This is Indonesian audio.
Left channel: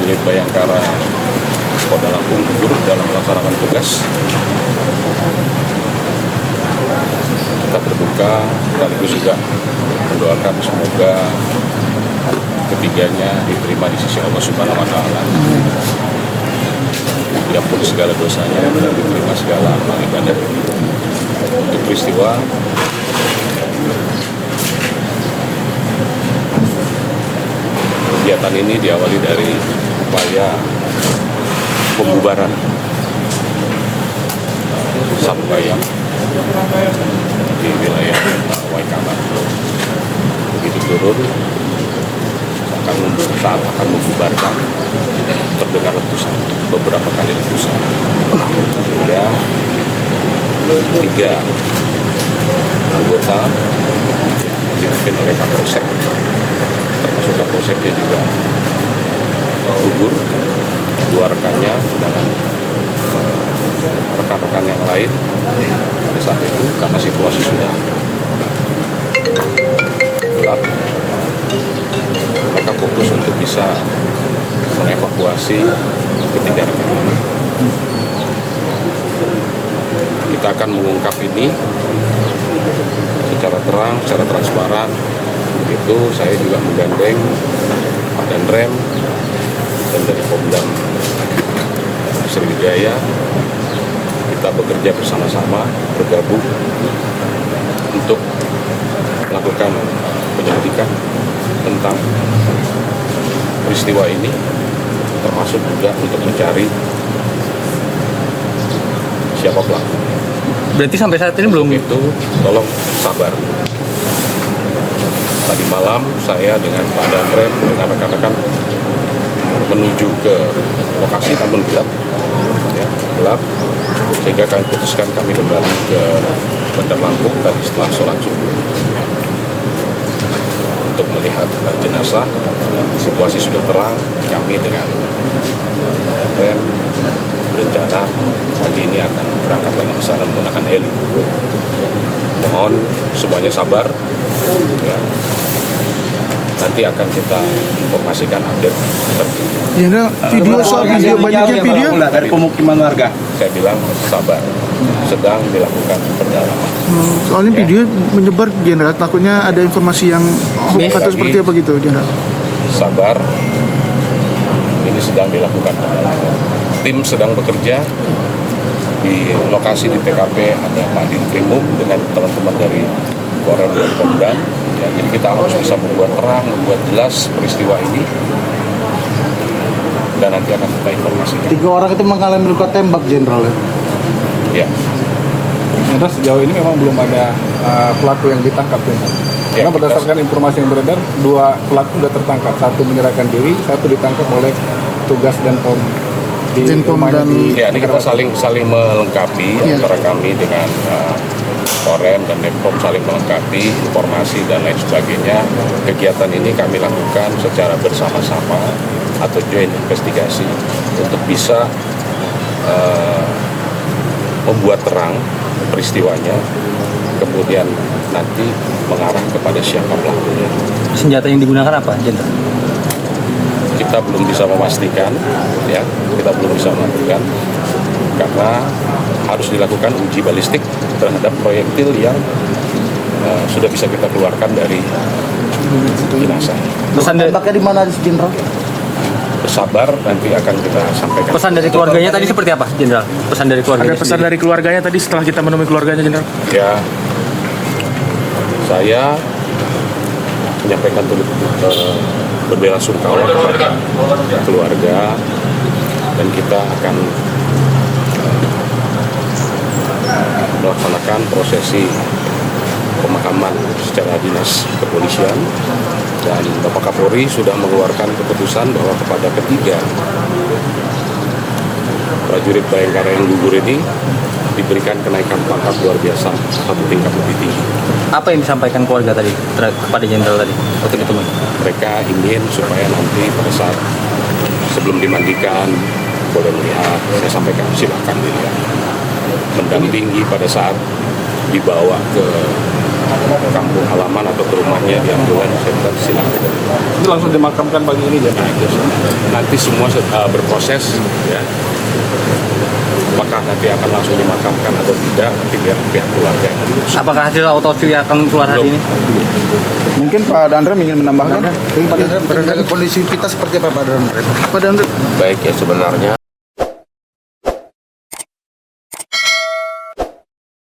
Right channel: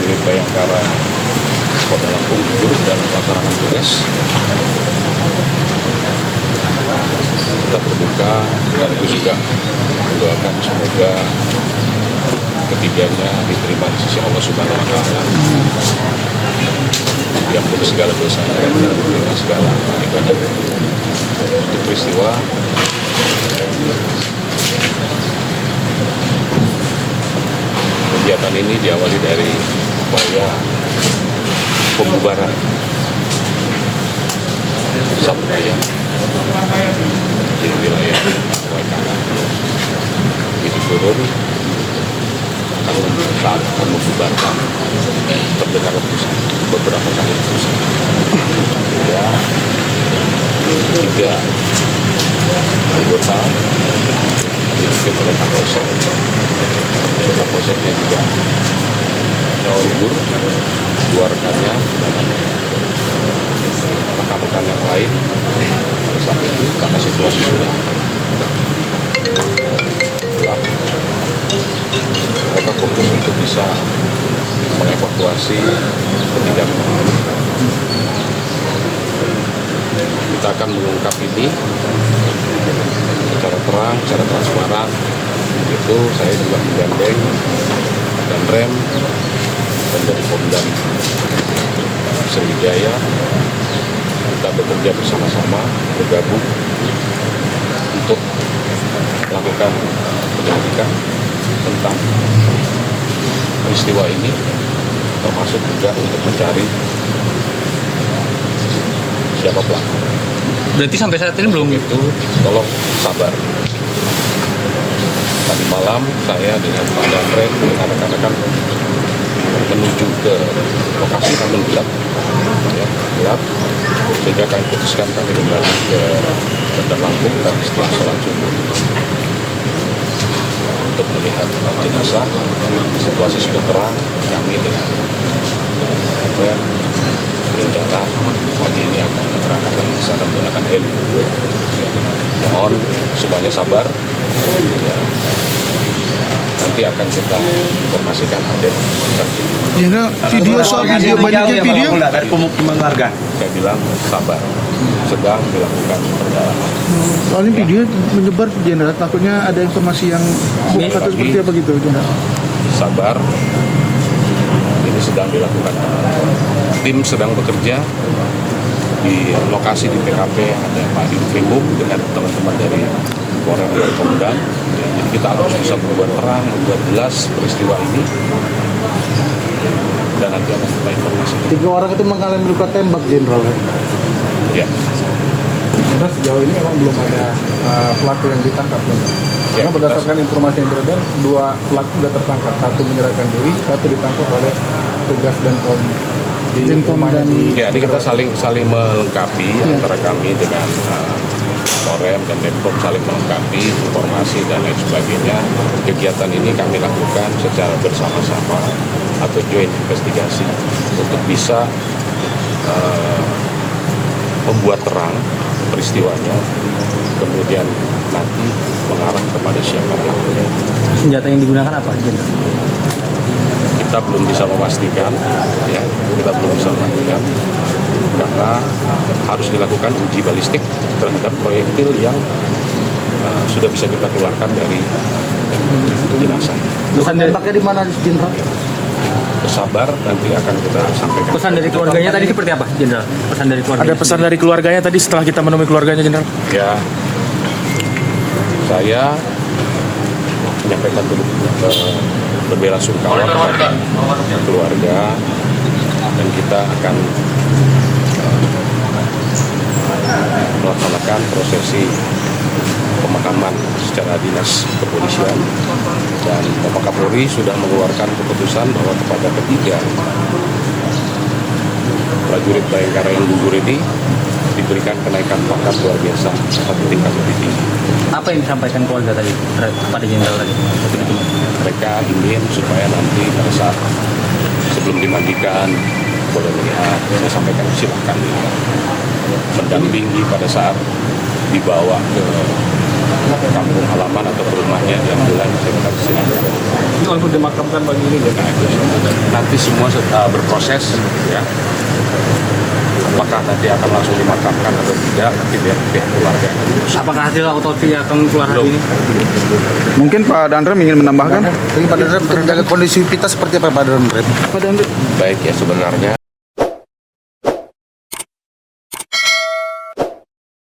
prajurit Bayangkara Polda Lampung gugur dalam melaksanakan tugas. Kita berduka sekaligus juga mendoakan semoga ketiganya diterima di sisi Allah Subhanahu wa Ta'ala. Diampuni segala dosanya dan diterima segala amal ibadah. Peristiwa kegiatan ini diawali dari upaya pembubaran satu ayam di wilayah Waikama. Begitu turun saat akan membubarkan, terdengar letusan, beberapa kali letusan. Hingga 3 anggota dipimpin oleh Kapolsek, termasuk Kapolseknya juga gugur, 2 rekannya dengan rekan-rekan yang lain. Pada saat itu karena situasi sudah gelap, mereka fokus untuk bisa mengevakuasi ketiga rekan. Kita akan mengungkap ini secara terang, secara transparan. Begitu saya juga menggandeng Pak Danrem dan dari Pomdam Sriwijaya. Kita bekerja bersama-sama, bergabung untuk melakukan penyelidikan tentang peristiwa ini, termasuk juga untuk mencari siapa pelaku. Berarti sampai saat ini belum? Itu tolong sabar. Tadi malam saya dengan Pak Danrem dengan rekan-rekan menuju ke lokasi, namun gelap, gelap, sehingga kami putuskan kami kembali ke Bandar Lampung tadi setelah sholat subuh untuk melihat jenazah. Situasi sudah terang, kami dengan berencana pagi ini akan berangkat lagi ke sana menggunakan heli. Mohon semuanya sabar. Ya. Nanti akan kita informasikan update terkini. Jenderal, video soal video banyaknya video dari pemukiman warga. Saya bilang sabar, sedang dilakukan pendalaman. Soalnya video menyebar, Jenderal, takutnya ada informasi yang atau seperti apa gitu, Jenderal. Sabar, ini sedang dilakukan pendalaman. Tim sedang bekerja di lokasi di TKP, ada Pak Dinkrimum dengan teman-teman dari Korem dan Pomdam. Ya, jadi kita harus bisa membuat terang, membuat jelas peristiwa ini, dan nanti akan kita informasikan. 3 orang itu mengalami luka tembak, Jenderal. Ya. Sudah sejauh ini memang belum ada pelaku yang ditangkap. Ya, Karena berdasarkan informasi yang beredar, 2 pelaku sudah tertangkap. 1 menyerahkan diri, 1 ditangkap oleh tugas dan Ya, ini kita saling melengkapi antara kami dengan Korem dan Depkom, saling melengkapi informasi dan lain sebagainya. Kegiatan ini kami lakukan secara bersama-sama atau joint investigasi untuk bisa membuat terang peristiwanya, kemudian nanti mengarah kepada siapa pelakunya. Senjata yang digunakan apa, Jenderal? Kita belum bisa memastikan, ya, kita belum bisa memastikan karena harus dilakukan uji balistik terhadap proyektil yang sudah bisa kita keluarkan dari jenazah. Pesan dari Tembaknya di mana, Jenderal? Bersabar, nanti akan kita sampaikan. Pesan dari keluarganya tadi seperti apa, Jenderal? Pesan dari keluarga. Ada pesan dari keluarganya tadi setelah kita menemui keluarganya, Jenderal? Ya, saya menyampaikan berbelasungkawa kepada keluarga, dan kita akan melaksanakan prosesi pemakaman secara dinas kepolisian, dan Bapak Kapolri sudah mengeluarkan keputusan bahwa kepada ketiga prajurit Bayangkara yang gugur ini diberikan kenaikan pangkat luar biasa 1 tingkat lebih tinggi. Apa yang disampaikan keluarga tadi kepada Jenderal tadi? Mereka ingin supaya nanti pada saat sebelum dimandikan boleh melihat, saya sampaikan silakan dilihat. Mendampingi pada saat dibawa ke kampung halaman atau ke rumahnya di ambulans saya silakan. Itu langsung dimakamkan pagi ini ya? Nanti semua berproses ya. Apakah nanti akan langsung dimakamkan atau tidak, nanti biar pihak keluarga. Apakah hasil autopsi akan keluar hari ini? Mungkin Pak Dandrem ingin menambahkan? Pada kondisi kita seperti apa Pak Dandrem? Pak Dandrem. Baik ya, sebenarnya